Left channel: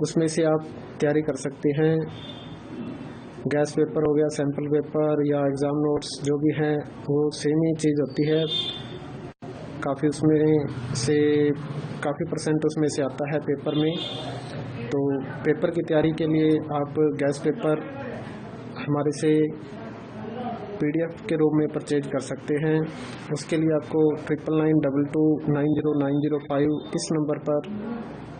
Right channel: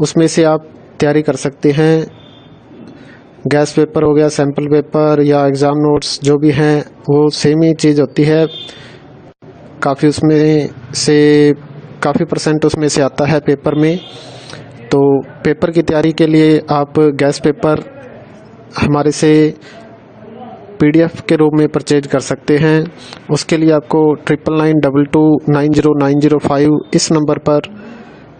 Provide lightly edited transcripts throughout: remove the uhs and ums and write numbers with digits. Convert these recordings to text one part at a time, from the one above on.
उसमें से आप तैयारी कर सकते हैं। गैस पेपर हो गया, सैम्पल पेपर या एग्ज़ाम नोट्स जो भी हैं वो सेम ही चीज़ होती है। काफ़ी उसमें से काफ़ी परसेंट उसमें से आता है पेपर में। तो पेपर की तैयारी के लिए आप गैस पेपर हमारे से पीडीएफ के रूप में परचेज कर सकते हैं। उसके लिए आपको 9992290905 इस नंबर पर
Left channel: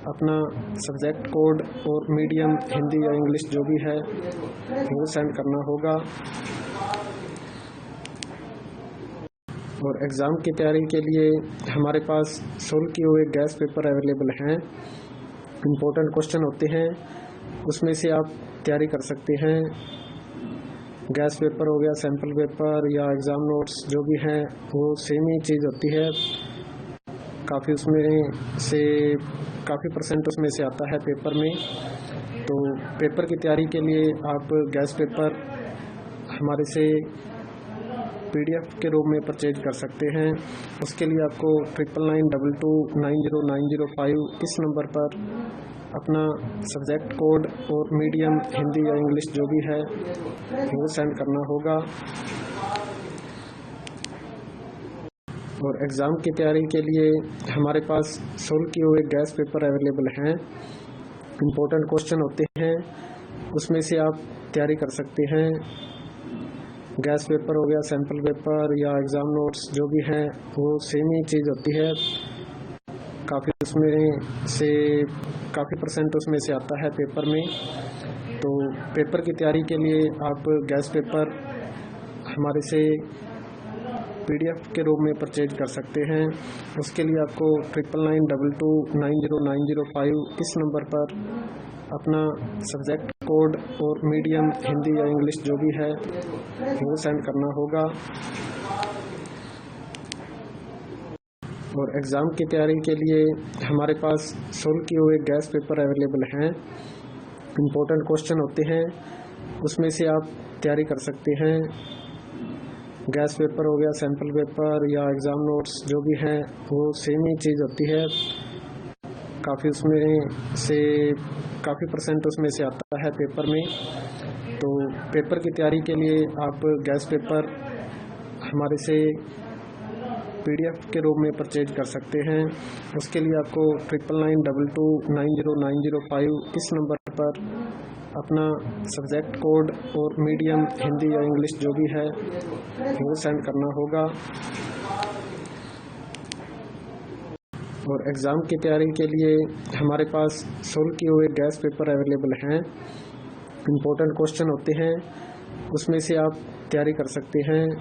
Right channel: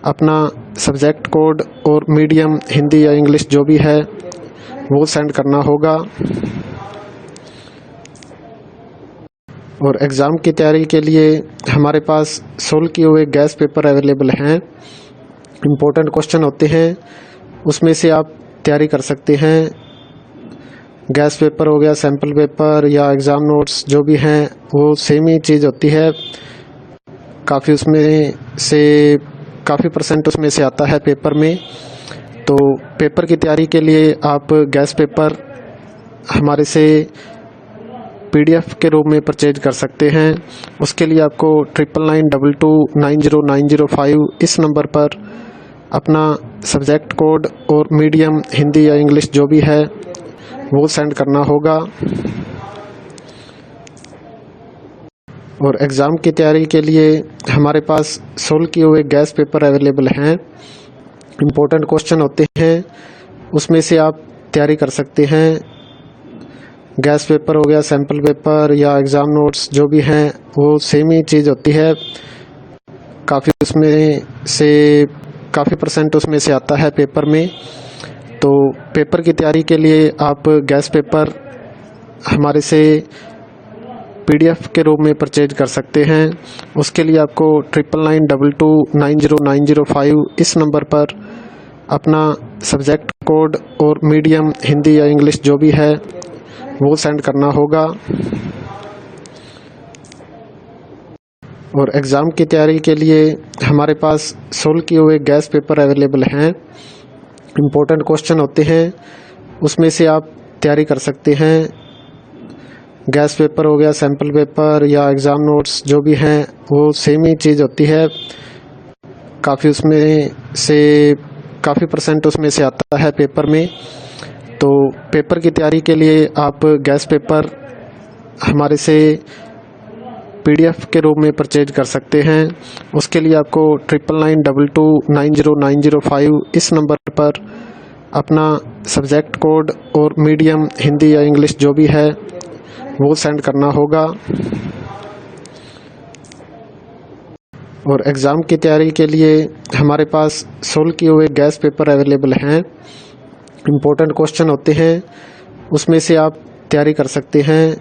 अपना सब्जेक्ट कोड और मीडियम हिंदी या इंग्लिश जो भी है वो सेंड करना होगा। और एग्ज़ाम की तैयारी के लिए हमारे पास सोल्व किए हुए गैस पेपर अवेलेबल हैं। इम्पोर्टेंट क्वेश्चन होते हैं, उसमें से आप तैयारी कर सकते हैं। गैस पेपर हो गया, सैम्पल पेपर या एग्ज़ाम नोट्स जो भी हैं वो सेम ही चीज़ होती है। काफ़ी उसमें से काफ़ी परसेंट उसमें से आता है पेपर में। तो पेपर की तैयारी के लिए आप गैस पेपर हमारे से पीडीएफ के रूप में परचेज कर सकते हैं। उसके लिए आपको 9992290905 इस नंबर पर अपना सब्जेक्ट कोड और मीडियम हिंदी या इंग्लिश जो भी है वो सेंड करना होगा। और एग्ज़ाम की तैयारी के लिए हमारे पास सोल्व किए हुए गैस पेपर अवेलेबल हैं। इम्पोर्टेंट क्वेश्चन होते हैं, उसमें से आप तैयारी कर सकते हैं। गैस पेपर हो गया, सैम्पल पेपर या एग्ज़ाम नोट्स जो भी हैं वो सेम ही चीज़ होती है। काफ़ी उसमें से काफ़ी परसेंट उसमें से आता है पेपर में। तो पेपर की तैयारी के लिए आप गैस पेपर हमारे से पीडीएफ के रूप में परचेज कर सकते हैं। उसके लिए आपको 9992290905 इस नंबर पर अपना सब्जेक्ट कोड और मीडियम हिंदी या इंग्लिश जो भी है वो सेंड करना होगा। और एग्ज़ाम की तैयारी के लिए हमारे पास सोल्व किए हुए गैस पेपर अवेलेबल हैं। इम्पोर्टेंट क्वेश्चन होते हैं, उसमें से आप तैयारी कर सकते हैं। गैस पेपर हो गया, सैम्पल पेपर या एग्ज़ाम नोट्स जो भी हैं वो सेम ही चीज़ होती है। काफ़ी उसमें से काफ़ी परसेंट उसमें से आता है पेपर में। तो पेपर की तैयारी के लिए आप गैस पेपर हमारे से पीडीएफ के रूप में परचेज कर सकते हैं। उसके लिए आपको 9992290905 इस नंबर पर अपना सब्जेक्ट कोड और मीडियम हिंदी या इंग्लिश जो भी है वो सेंड करना होगा। और एग्ज़ाम की तैयारी के लिए हमारे पास सोल्व किए हुए गैस पेपर अवेलेबल हैं। इम्पोर्टेंट क्वेश्चन होते हैं, उसमें से आप तैयारी कर सकते हैं।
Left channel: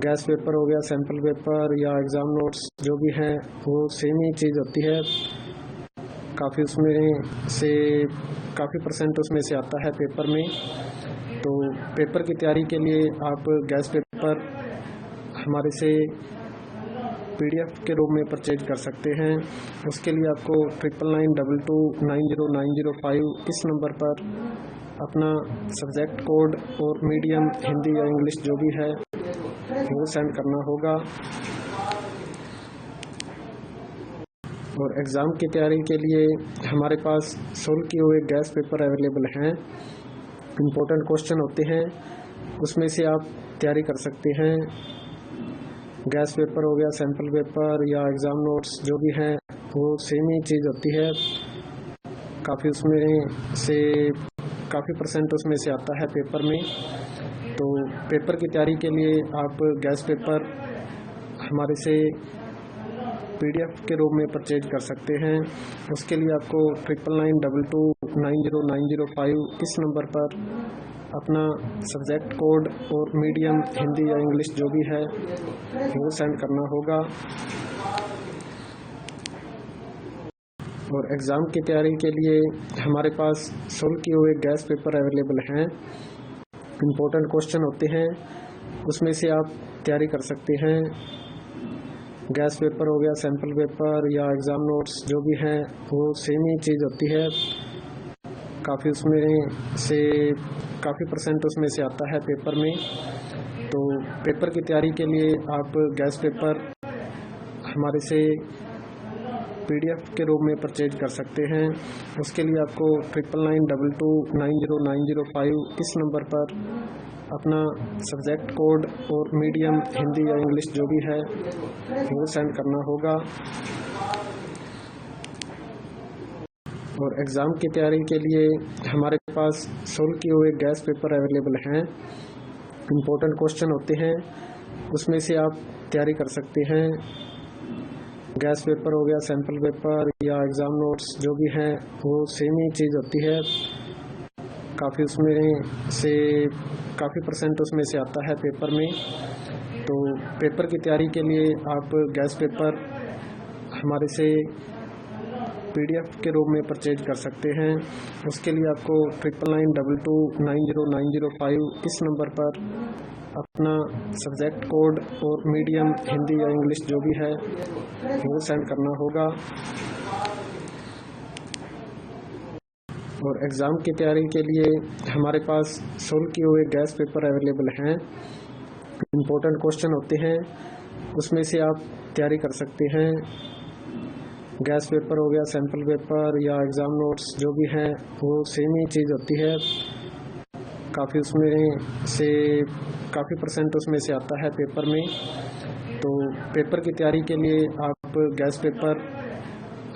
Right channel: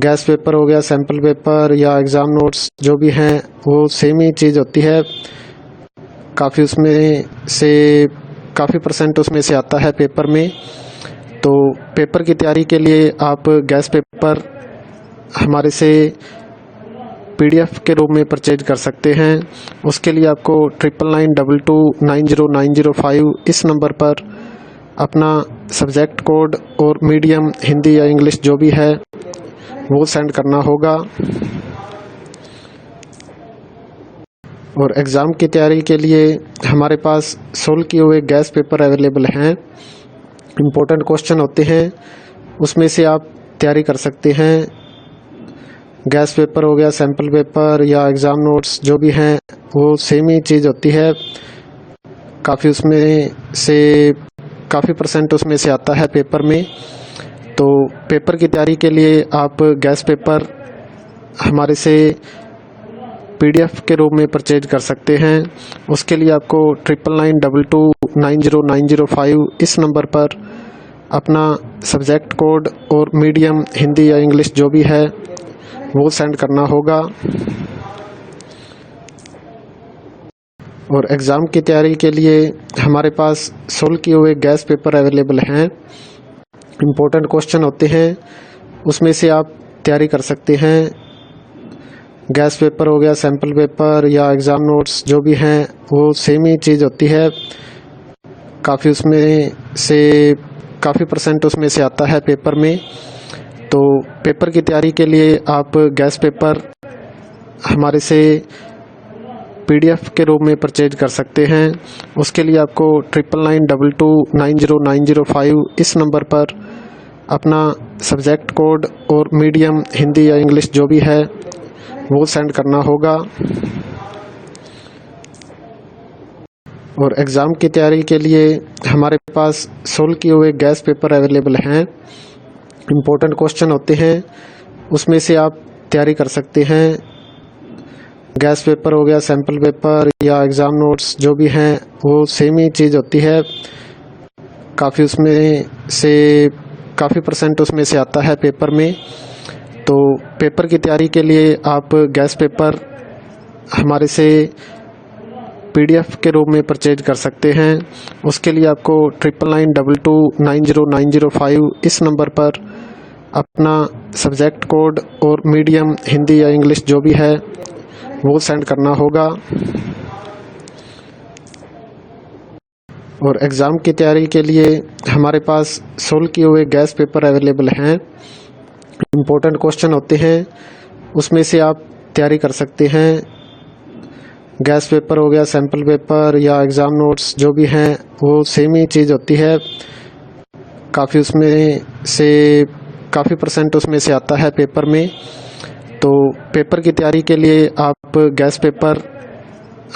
गैस पेपर हो गया, सैम्पल पेपर या एग्ज़ाम नोट्स जो भी हैं वो सेम ही चीज़ होती है। काफ़ी उसमें से काफ़ी परसेंट उसमें से आता है पेपर में। तो पेपर की तैयारी के लिए आप गैस पेपर हमारे से पीडीएफ के रूप में परचेज कर सकते हैं। उसके लिए आपको 9992290905 इस नंबर पर अपना सब्जेक्ट कोड और मीडियम हिंदी या इंग्लिश जो भी है वो सेंड करना होगा। और एग्ज़ाम की तैयारी के लिए हमारे पास सोल्व किए हुए गैस पेपर अवेलेबल हैं। इम्पोर्टेंट क्वेश्चन होते हैं, उसमें से आप तैयारी कर सकते हैं। गैस पेपर हो गया, सैम्पल पेपर या एग्ज़ाम नोट्स जो भी हैं वो सेम ही चीज़ होती है। काफ़ी उसमें से काफ़ी परसेंट उसमें से आता है पेपर में। तो पेपर की तैयारी के लिए आप गैस पेपर हमारे से पीडीएफ के रूप में परचेज कर सकते हैं। उसके लिए आपको 9992290905 इस नंबर पर अपना सब्जेक्ट कोड और मीडियम हिंदी या इंग्लिश जो भी है वो सेंड करना होगा। और एग्ज़ाम की तैयारी के लिए हमारे पास सोल्व किए हुए गैस पेपर अवेलेबल हैं। इम्पोर्टेंट क्वेश्चन होते हैं, उसमें से आप तैयारी कर सकते हैं। गैस पेपर हो गया, सैम्पल पेपर या एग्ज़ाम नोट्स जो भी हैं वो सेम ही चीज़ होती है। काफ़ी उसमें से काफ़ी परसेंट उसमें से आता है पेपर में। तो पेपर की तैयारी के लिए आप गैस पेपर हमारे से PDF के रूप में परचेज कर सकते हैं। उसके लिए आपको 9992290905 इस नंबर पर अपना सब्जेक्ट कोड और मीडियम हिंदी या इंग्लिश जो भी है वो सेंड करना होगा। और एग्ज़ाम की तैयारी के लिए हमारे पास सोल्व किए हुए गैस पेपर अवेलेबल हैं। इम्पोर्टेंट क्वेश्चन होते हैं, उसमें से आप तैयारी कर सकते हैं। गैस पेपर हो गया, सैम्पल पेपर या एग्ज़ाम नोट्स जो भी हैं वो सेम ही चीज़ होती है। काफ़ी परसेंट उसमें से आता है पेपर में। तो पेपर की तैयारी के लिए आप गैस पेपर हमारे से PDF के रूप में परचेज कर सकते हैं। उसके लिए आपको 9992290905 इस नंबर पर अपना सब्जेक्ट कोड और मीडियम हिंदी या इंग्लिश जो भी है वो सेंड करना होगा। और एग्ज़ाम की तैयारी के लिए हमारे पास सोल्व किए हुए गैस पेपर अवेलेबल हैं। इम्पोर्टेंट क्वेश्चन होते हैं, उसमें से आप तैयारी कर सकते हैं। गैस पेपर हो गया, सैम्पल पेपर या एग्ज़ाम नोट्स जो भी हैं वो सेम ही चीज़ होती है। काफ़ी परसेंट उसमें से आता है पेपर में। तो पेपर की तैयारी के लिए आप गैस पेपर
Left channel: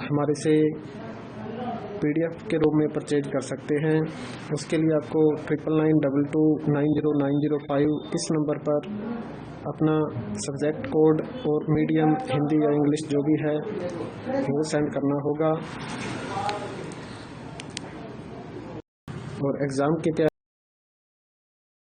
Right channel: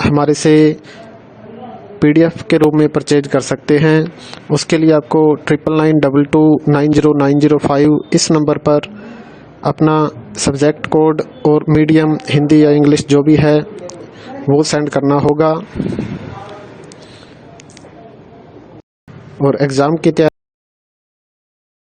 हमारे से PDF के रूप में परचेज कर सकते हैं। उसके लिए आपको 9992290905 इस नंबर पर अपना सब्जेक्ट कोड और मीडियम हिंदी या इंग्लिश जो भी है वो सेंड करना होगा। और एग्ज़ाम की तैयारी